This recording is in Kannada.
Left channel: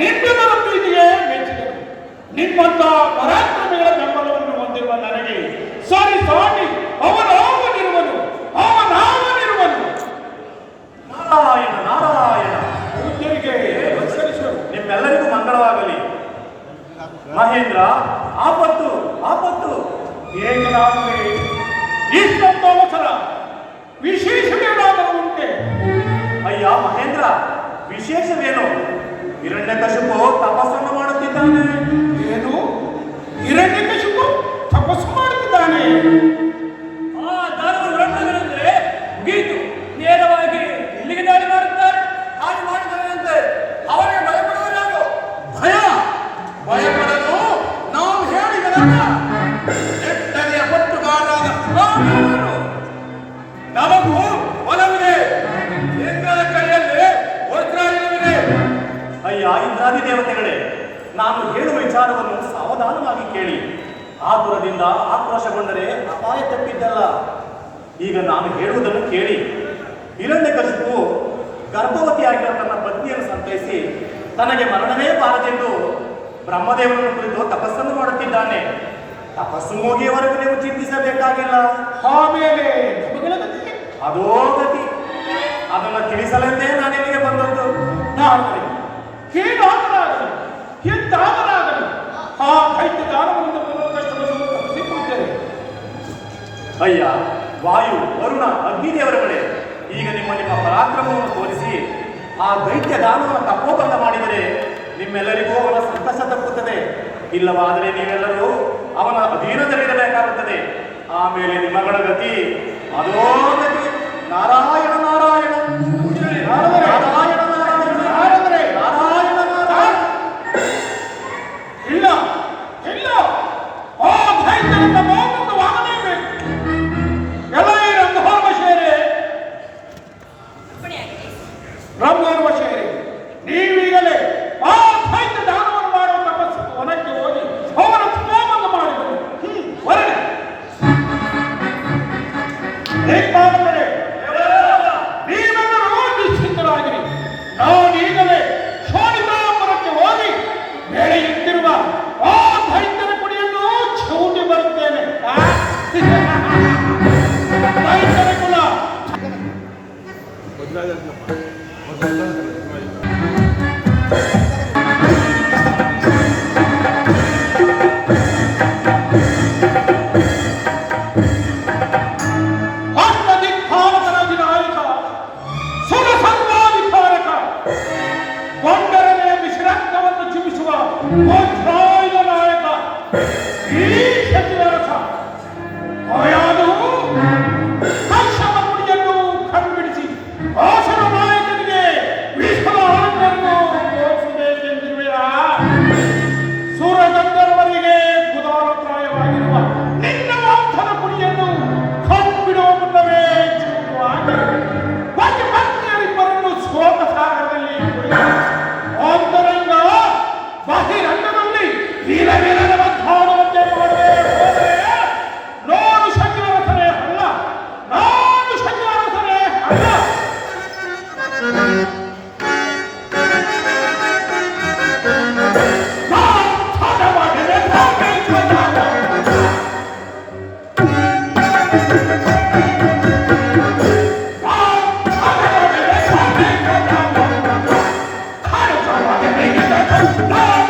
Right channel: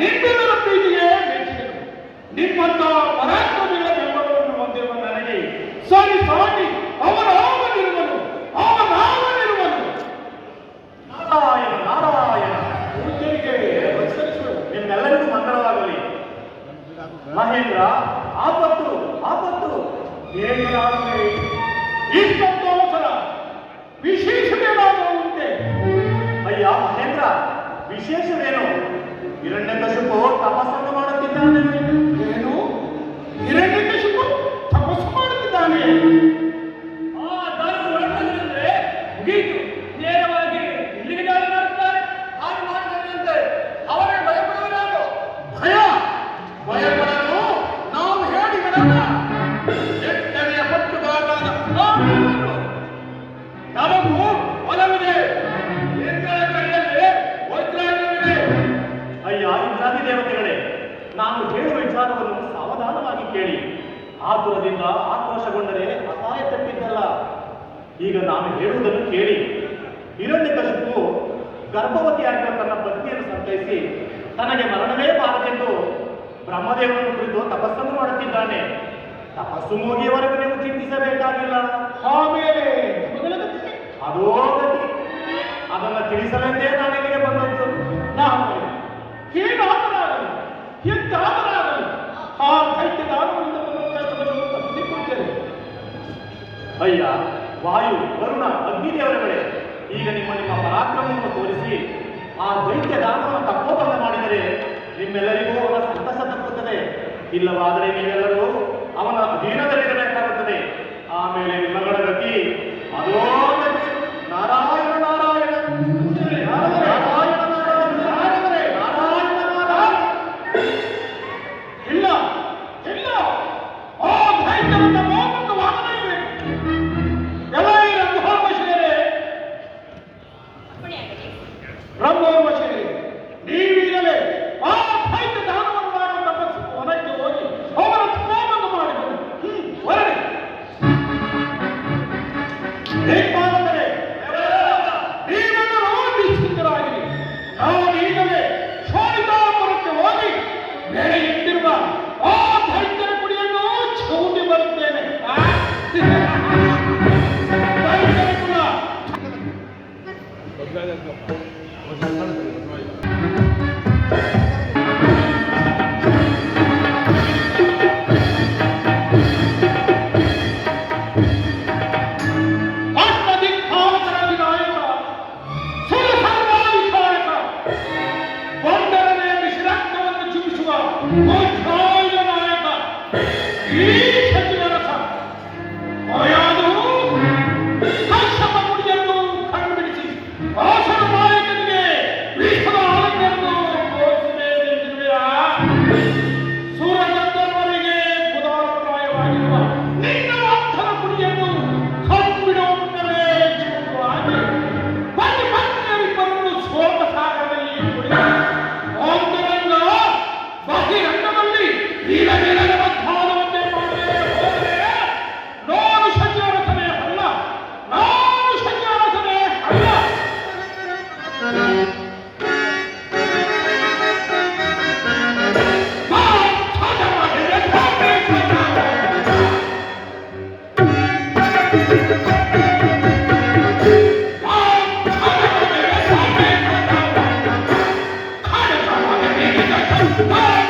ನಿಮ್ಮೆಲ್ಲರ ಪ್ರೀತಿಗೆ ಮೆಚ್ಚಿದೆ. ನಿಮ್ಮಂತ ಪರಾಕ್ರಮಿಗಳ ಬೆಂಬಲವನ್ನು ಹೊಂದಿರುವ ನನಗೆ ಸರಿ ಸಾಟಿ ಅವನಾವನಿರುವನು. ನಾರಾಯಣ ನಾರಾಯಣ, ಪೂಜ್ಯರಿಗೆ ನಮಸ್ಕರಿಸುವರು. ನಿಮ್ಮೆಲ್ಲರಿಗೂ ಮಂಗಳವಾಗಲಿ. ಮಹೇಂದ್ರ, ಆಪತ್ತು ಆಪತ್ತು. ಏನಾದರೆ ಇಷ್ಟೊಂದು ಅವಸರ? ವಿಶೇಷವೇನಾದರೂ ಉಂಟೆ? ಅಯ್ಯ ಮಹೇಂದ್ರ, ವಿಶೇಷವೇನು? ಹಿರಣ್ಯಕಶಿಪು ತಪಸ್ಸನ್ನು ಮಾಡುತ್ತಿದ್ದಾನೆ. ಏನು? ಹಿರಣ್ಯಕಶಿಪು ತಪಸ್ಸು ಮಾಡುತ್ತಿದ್ದಾನೆ? ದಾನವರು ಮುಗಿಯಿತು. ನೇರವಾಗಿ ಇಲ್ಲಿಗೆ ದಾಳಿ ಮಾಡುತ್ತಾರೆ. ಹಾಗೆ ಮಾಡಿದವರಂತೆ ಅವರೇ ಭಯಪಡುವರಾಗೋ. ಭಯಪಡಲು ನಾವು ಹೇಳಿಗಳಲ್ಲ. ಎಟ್ಟನೆಯ ಪಟ್ಟುಗಾರರಾದ ನಮಗೂ ಒಲವಿದೆ. ಇಂದ್ರನ ಕೈಯಲ್ಲಿ ವಜ್ರಾಯುಧವಿದೆ. ಅಯ್ಯ ಇಂದ್ರಾದಿ ದೇವತೆಗಳೇ, ನಾನು ಹೇಳುವ ವಿಚಾರವನ್ನು ಸಾವಧಾನವಾಗಿ ಕೇಳಿ. ಆತುರದಿಂದ ಆಕ್ರೋಶಗೊಂಡರೆ ಅಪಾಯ ತಪ್ಪಿದ್ದಲ್ಲ. ಈಗ ನಾನು ಹೇಳುವುದನ್ನು ಕೇಳಿ. ಹಿರಣ್ಯಕಶಿಪು ಗರ್ಭವತಿಯಾಗಿರುವ ತನ್ನ ಪತ್ನಿಯನ್ನು ಸಂತೈಸಿ ತನಗೆ ಮರಣವೇ ಬಾರದೆಂದು ಬ್ರಹ್ಮದೇವರನ್ನು ಕುರಿತು ತಪಸ್ಸನ್ನು ಮಾಡುತ್ತಿದ್ದಾನೆ. ತಪಸ್ಸು ಮುಗಿಯುವವರೆಗೂ ನೀವು ಚಿಂತಿಸಬೇಕಾಗಿಲ್ಲ. ಆಮೇಲೆ ಅದೋ ಗತಿ. ಅದನ್ನು ತಿಳಿಸಲೆಂದೇ ನಾನು ಇಲ್ಲಿಗೆ ಬಂದದ್ದು. ಹೀಗಾದರಾಗಲಿ ಎಂತಾದರಾಗಲಿ ಆ ದೈತ್ಯ ದಾನವನ್ನು ತಪ್ಪಿಸಿಕೊಳ್ಳುತ್ತೇವೆ. ಅಯ್ಯ ವಾಯು, ವರುಣ, ಅಗ್ನಿದೇವರುಗಳೇ, ಈಗ ನಿಮ್ಮ ನಿಮ್ಮ ಪರಾಕ್ರಮವನ್ನು ತೋರಿಸಿ ಆ ದೈತ್ಯ ದಾನವನ್ನು ತಪ್ಪೋಬಂಧ ಮಾಡಿದರೆ ನಿಮ್ಮೆಲ್ಲರಿಗೂ ಅವನ ಸಂತಸ ತಪ್ಪುತ್ತದೆ. ಇಲ್ಲವಾದರೆ ನೀವೆಲ್ಲರೂ ಅವನ ಅಧೀನದಲ್ಲಿರಬೇಕಾಗುತ್ತದೆ. ಆಮೇಲೆ ನಿಮ್ಮಗಳ ಗತಿ ಅದೋ ಗತಿ. ನಾರಾಯಣ ನಾರಾಯಣ ನಾರಾಯಣ ಇಲ್ಲ ಇಲ್ಲ, ಆ ದೈತ್ಯನನ್ನ ಮೋಹವನ್ನು ವಾಗಲೇಬೇಕು. ಎಲ್ಲ ಬ್ರಹ್ಮೋರ್ವಶೇರೆ, ಬ್ರಹ್ಮೋರ್ವಶೇರೆ, ನೀವೀಗಲೇ ಆ ದೈತ್ಯ ದಾನವನ್ನು ಮಾಡುವ ತಪಸ್ಸು ವನಕ್ಕೆ ಹೋಗಿ ಅವರ ಸ್ನಾನವನ್ನು ಮಾಡಿದರು. ಹೊರಗೆ ಏಕಾದರೆ ನೀವೆಲ್ಲರೂ ನಿಶ್ಚಿಂತರಾಗಿರಿ. ನಾನೀಗಲೇ ಶಾಲಿತಾಪುರಕ್ಕೆ ಹೋಗಿ ನಡೆಯುತ್ತಿರುವ ಆ ದೈತ್ಯರ ಕುಡಿಯನ್ನು ಚೂಟಿ ಬರುತ್ತೇನೆ. ದೈತ್ಯರ ಕುಲ ಅಷ್ಟದಿಕ್ಪಾಲಕರ ವಿನಾಯಕ, ಸುರಸಂಗಾಧಿಕಾರಕ, ಬಂಡರನೆ ವಿಶ್ರಾಂತವನ್ನು ಚಿಮಿಸುವ ವಜ್ರಾಯುಧ ನಾಯಕ, ಈ ಸಚಿವರಸ ಅಯಾದು ದಕ್ಷಿಣ ಮುಡಿಯನ್ನು ಕಂಡುಬಿಡಿಸಿ ಆಸನ ನಾಯಕನಿಗೆ ವಿಶ್ವದ ಆನಂದವನ್ನು ತೋರಿಸಬೇಕೆಂದಿರುವೆಯಾ? ಸೂರಗಂಧರ್ವರಿಗೆ ಕುದಾರಪ್ರಾಯವಾಗಿರುವ ನಿನ್ನ ಭಕ್ತರ ಕುಡಿಯನ್ನು ಕಂಡುಬಿಡುವ ಮುನ್ನವೇ ಚಿಕ್ಕುವಾಗಿ ಪತಿಪತ್ನಿಯರಿಬ್ಬರನ್ನು ಸೋಮ ಸಾಗರದಲ್ಲಿ ಅಂತರಂಗ ಬಹಿರಂಗದಲ್ಲಿ ವೀರವೀರರ ಮಧ್ಯಾಹ್ನವಂತೆ ಮಾಡಬೇಕು. ನಾನು ಶಚಿವರಸನೇ ಅಲ್ಲ, ನಾನು ಶಚಿವರಸನೇ ಅಲ್ಲ. No!